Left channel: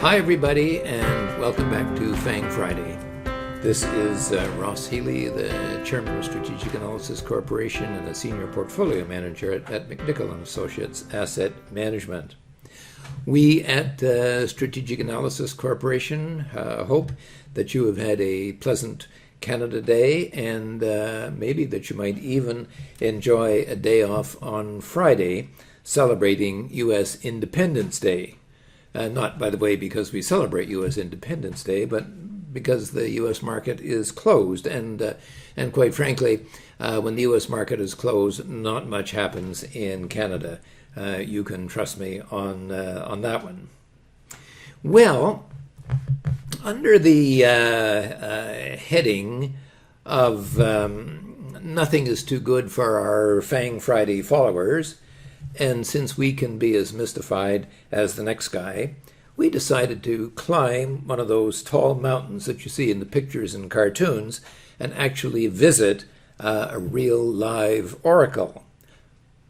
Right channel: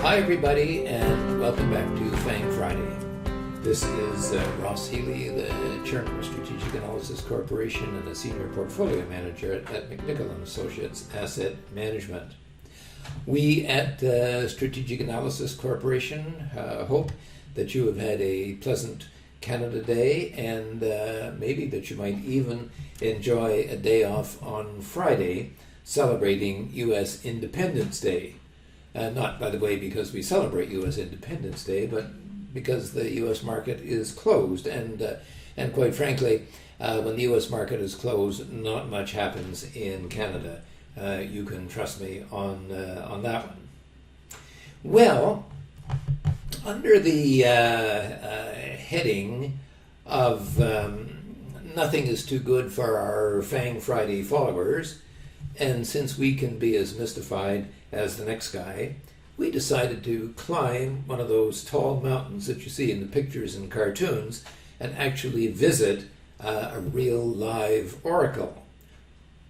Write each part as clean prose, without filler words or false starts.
Hi everybody, and welcome back to FANG Friday. This is Ross Healy, the Chairman of Strategic Analysis Corporation and the Senior Portfolio Manager at McNichol & Associates Asset Management. We at Strategic Analysis Corporation hope that you have had a pleasant Canada Day, and maybe that you might even enjoy a day off on Friday celebrating U.S. Independence Day. Not, by the way, because we celebrate U.S. Independence Day, but because the U.S. market is closed. And quite frankly, when the U.S. market is closed, not much happens in Canada. You can trust me on that one. Well, under the heading of nothing is too good for our FANG Friday followers, and since we can be as mystified as the next guy, we decided to climb one of those tall mountains that you see in the pictures and cartoons and actually visit a real live oracle.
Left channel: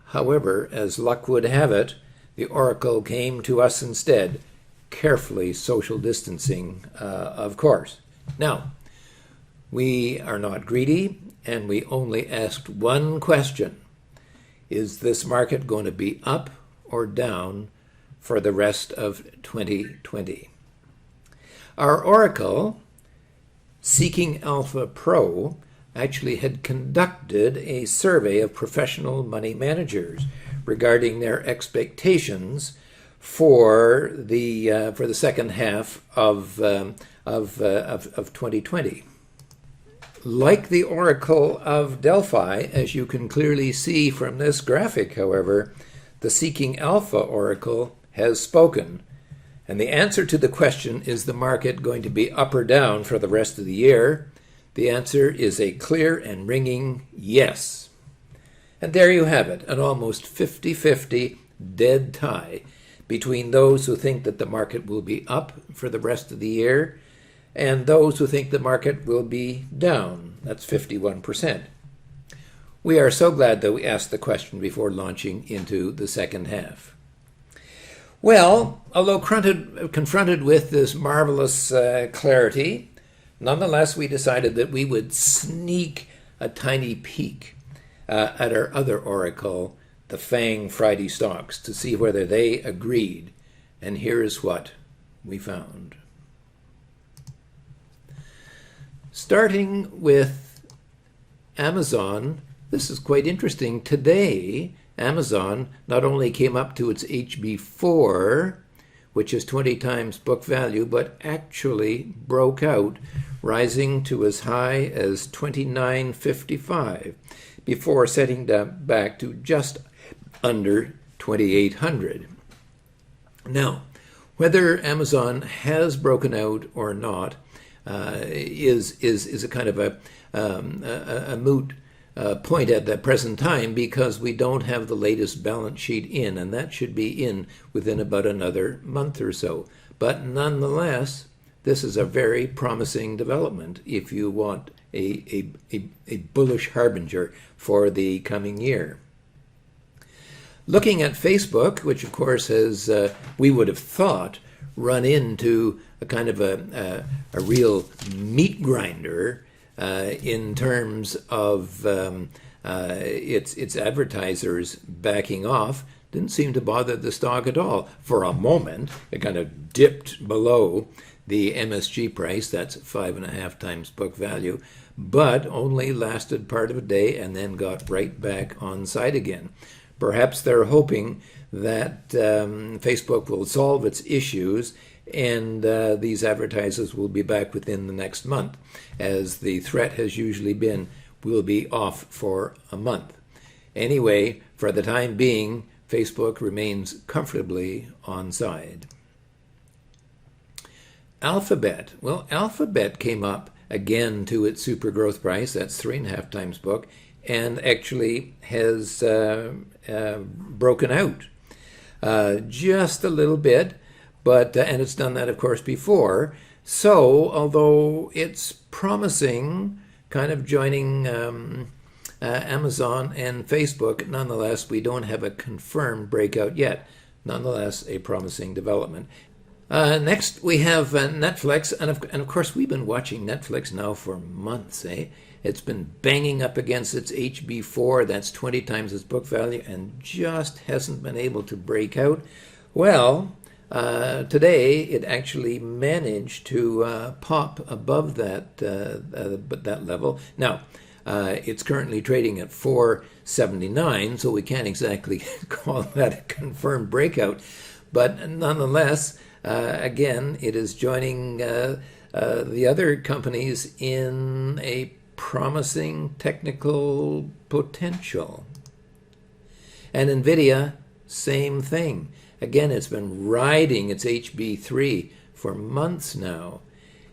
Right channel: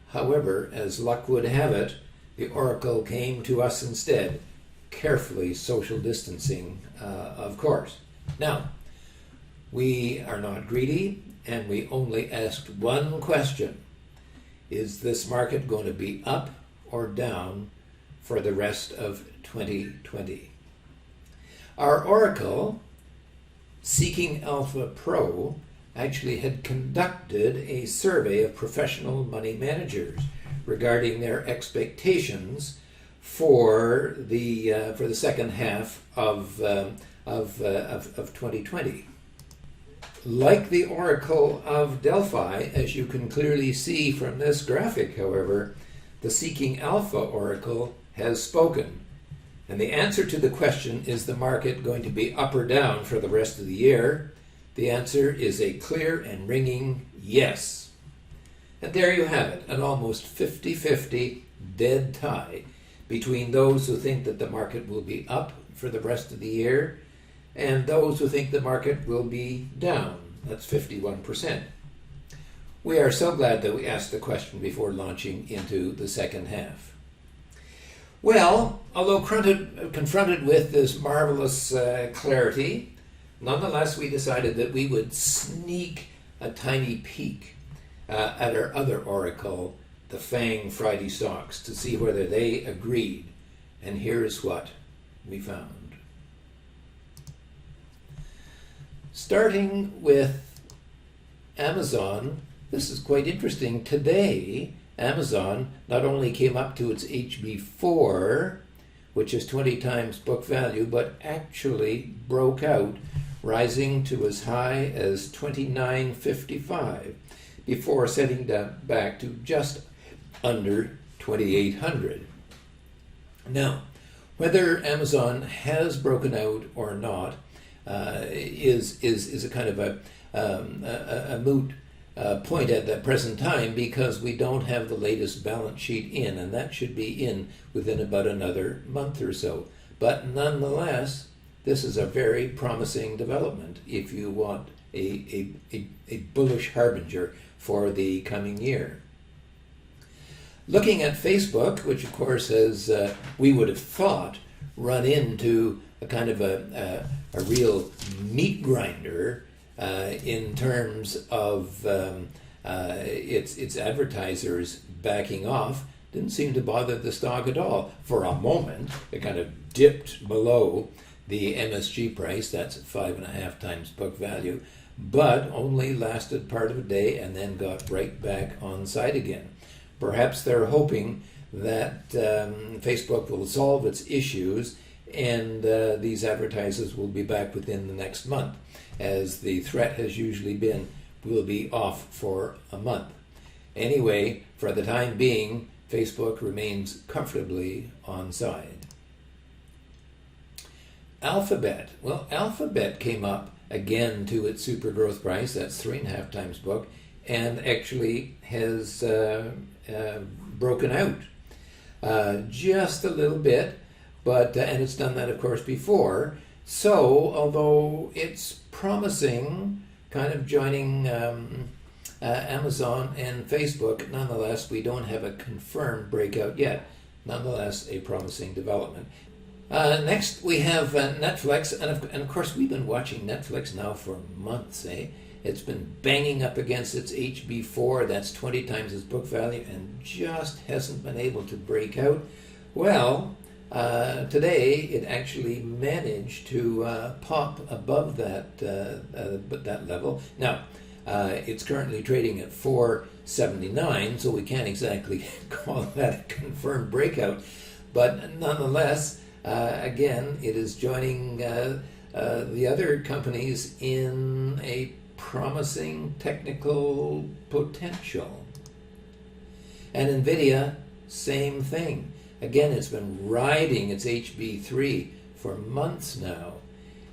However, as luck would have it, the oracle came to us instead, carefully social distancing, of course. Now, we are not greedy, and we only asked one question. Is this market going to be up or down for the rest of 2020? Our oracle, Seeking Alpha Pro, actually had conducted a survey of professional money managers regarding their expectations for the second half of 2020. Like the Oracle of Delphi, as you can clearly see from this graphic, however, the Seeking Alpha Oracle has spoken. And the answer to the question, is the market going to be up or down for the rest of the year? The answer is a clear and ringing yes. And there you have it, an almost 50-50 dead tie between those who think that the market will be up for the rest of the year and those who think the market will be down. That's 51%. We are so glad that we asked the question before launching into the second half. Well, although confronted with this marvelous clarity, nonetheless we decided that we would sneak a tiny peek at our other oracle, the FANG Friday stocks, to see whether they agreed. And here is what we found. Starting with Amazon, this is quite interesting. Today, Amazon not only came up to its HB4, which is 20 times book value, but actually broke out, rising to as high as $29.55 before setting back to just under $2,800. Now, whether Amazon has broken out or not is a kind of a moot point at the present time, because we don't have the latest balance sheet in, and that should be in within about another month or so. But nonetheless, this is a very promising development if you want a bullish harbinger for the coming year. Looking at Facebook, which of course has, we would have thought, run into a kind of a real meat grinder in terms of its advertisers backing off, didn't seem to bother the stock at all. For a moment, it kind of dipped below the MSG price, that's 5.5 times book value, but only lasted part of a day and then got right back on side again. Perhaps they're hoping that Facebook will solve its issues and these advertisers will be back within the next month, as the threat has usually been, we'll be off for a month. Anyway, for the time being, Facebook remains comfortably on side. Alphabet. Well, Alphabet came up again to its super growth price, that's 3.5 times book, and actually has broken out just a little bit. But and it's done that, of course, before. So, although it's promising, kind of joining Amazon and Facebook, nonetheless, we don't have a confirmed breakout yet. Nonetheless, a promising development. Next, we have Netflix, and of course, we've been watching Netflix now for months. It's been banging up against its HB4, that's 20 times its book value, and just hasn't been able to break out. Well, today it actually managed to pop above that level. Now, it's currently trading at 479, so we can't exactly call that a confirmed breakout, but nonetheless. Again, it is joining the other companies in a promising technical potential. And NVIDIA, same thing. Again, it's been riding its HB3 for months now,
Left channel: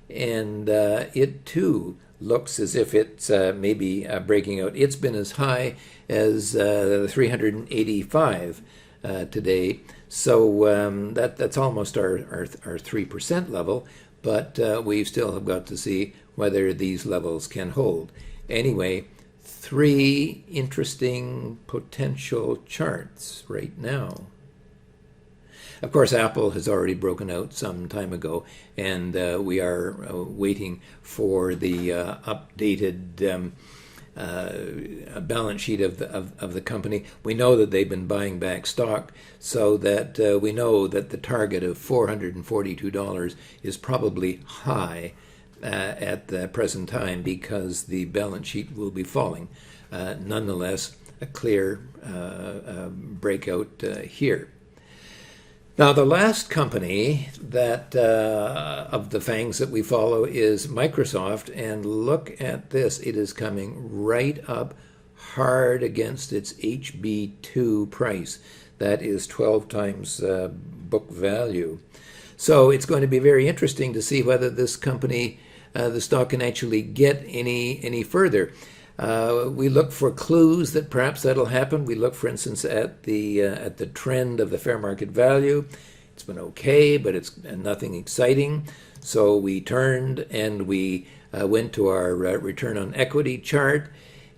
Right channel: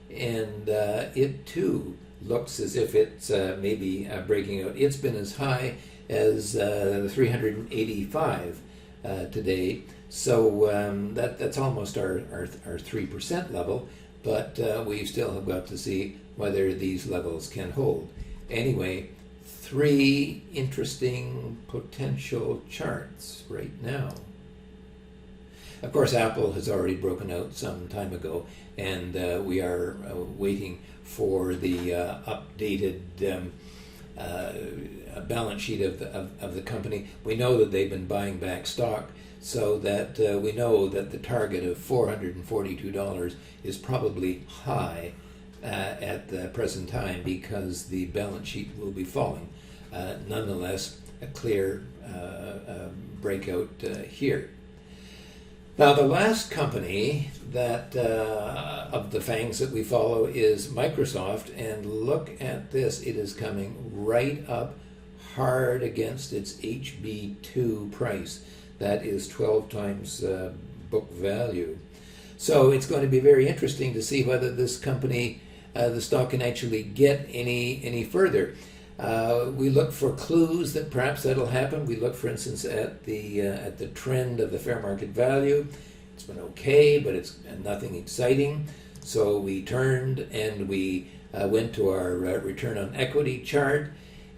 and it too looks as if it's maybe breaking out. It's been as high as 385 today. So that's almost our 3% level, but we still have got to see whether these levels can hold. Anyway, 3 interesting potential charts right now. Of course, Apple has already broken out some time ago, and we are waiting for the updated balance sheet of the company. We know that they've been buying back stock, so that we know that the target of $442 is probably high at the present time because the balance sheet will be falling. Nonetheless, a clear breakout here. Now, the last company that of the FANGs that we follow is Microsoft, and look at this. It is coming right up hard against its HB2 price. That is 12 times book value. So it's going to be very interesting to see whether this company, the stock, can actually get any further. We look for clues that perhaps that'll happen. We look, for instance, at the trend of the fair market value. It's been okay, but it's nothing exciting. So we turned and we went to our return on equity chart,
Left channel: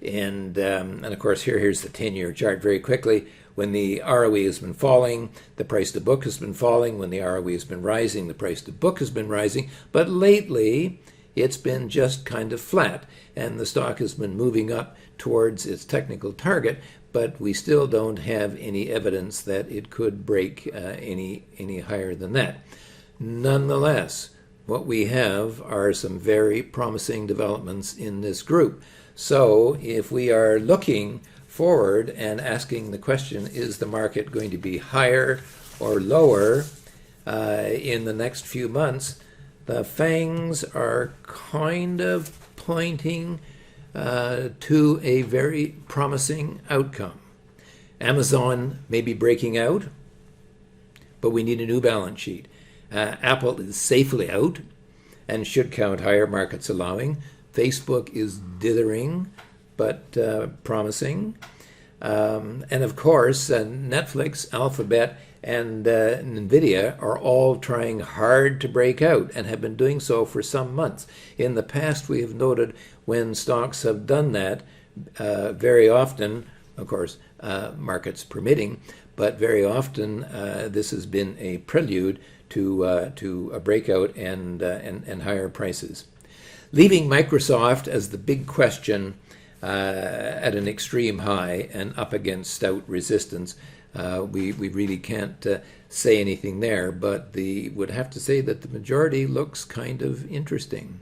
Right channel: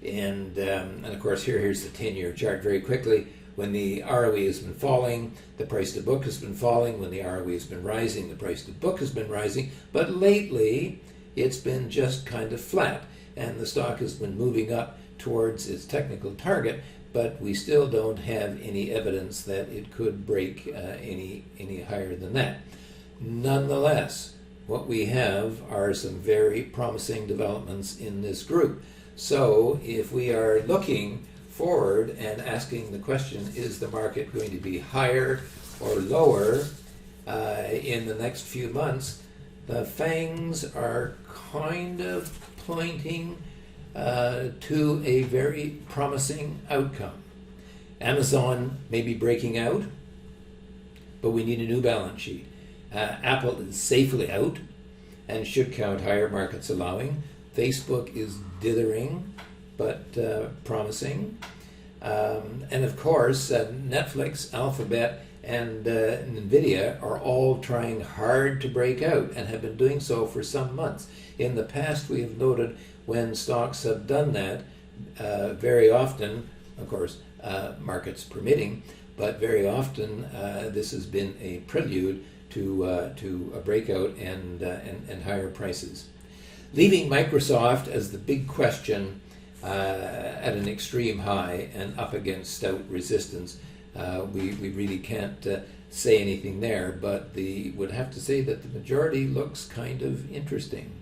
and of course here's the 10-year chart very quickly. When the ROE has been falling, the price to book has been falling. When the ROE has been rising, the price to book has been rising. But lately, it's been just kind of flat, and the stock has been moving up towards its technical target, but we still don't have any evidence that it could break any higher than that. Nonetheless, what we have are some very promising developments in this group. So if we are looking forward and asking the question, is the market going to be higher or lower in the next few months, the FANGs are kind of pointing to a very promising outcome. Amazon may be breaking out, but we need a new balance sheet. Apple is safely out and should count higher, markets allowing. Facebook is dithering, but promising. And of course, Netflix, Alphabet, and NVIDIA are all trying hard to break out and have been doing so for some months. In the past, we have noted when stocks have done that, very often, of course, markets permitting, but very often this has been a prelude to a breakout and higher prices. Leaving Microsoft as the big question at an extreme high and up against stout resistance, we really can't say anything there, but would have to say that the majority looks kind of interesting.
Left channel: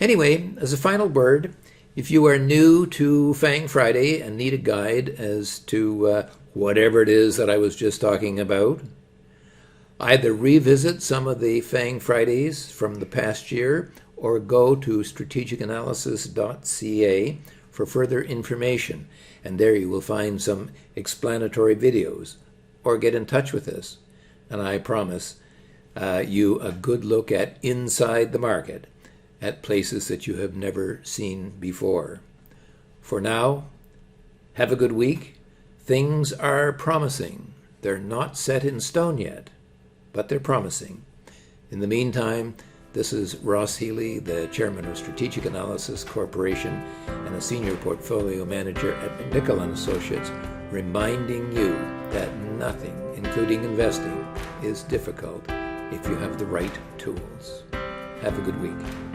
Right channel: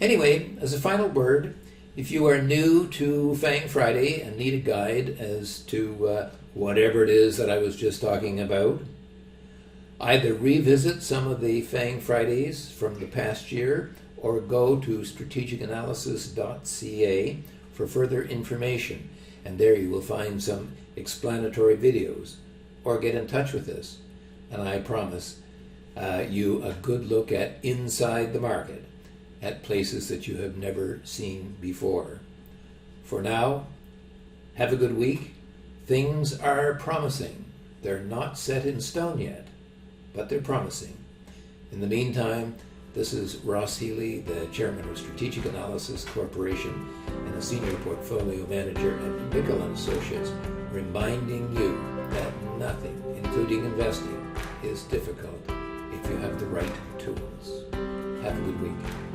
Anyway, as a final word, if you are new to FANG Friday and need a guide as to whatever it is that I was just talking about, either revisit some of the FANG Fridays from the past year or go to strategicanalysis.ca for further information. And there you will find some explanatory videos, or get in touch with us. And I promise you a good look at inside the market, at places that you have never seen before. For now, have a good week. Things are promising. They're not set in stone yet, but they're promising. In the meantime, this is Ross Healy, the chairman of Strategic Analysis Corporation and a senior portfolio manager at McNichol & Associates, reminding you that nothing, including investing, is difficult if you have the right tools. Have a good week.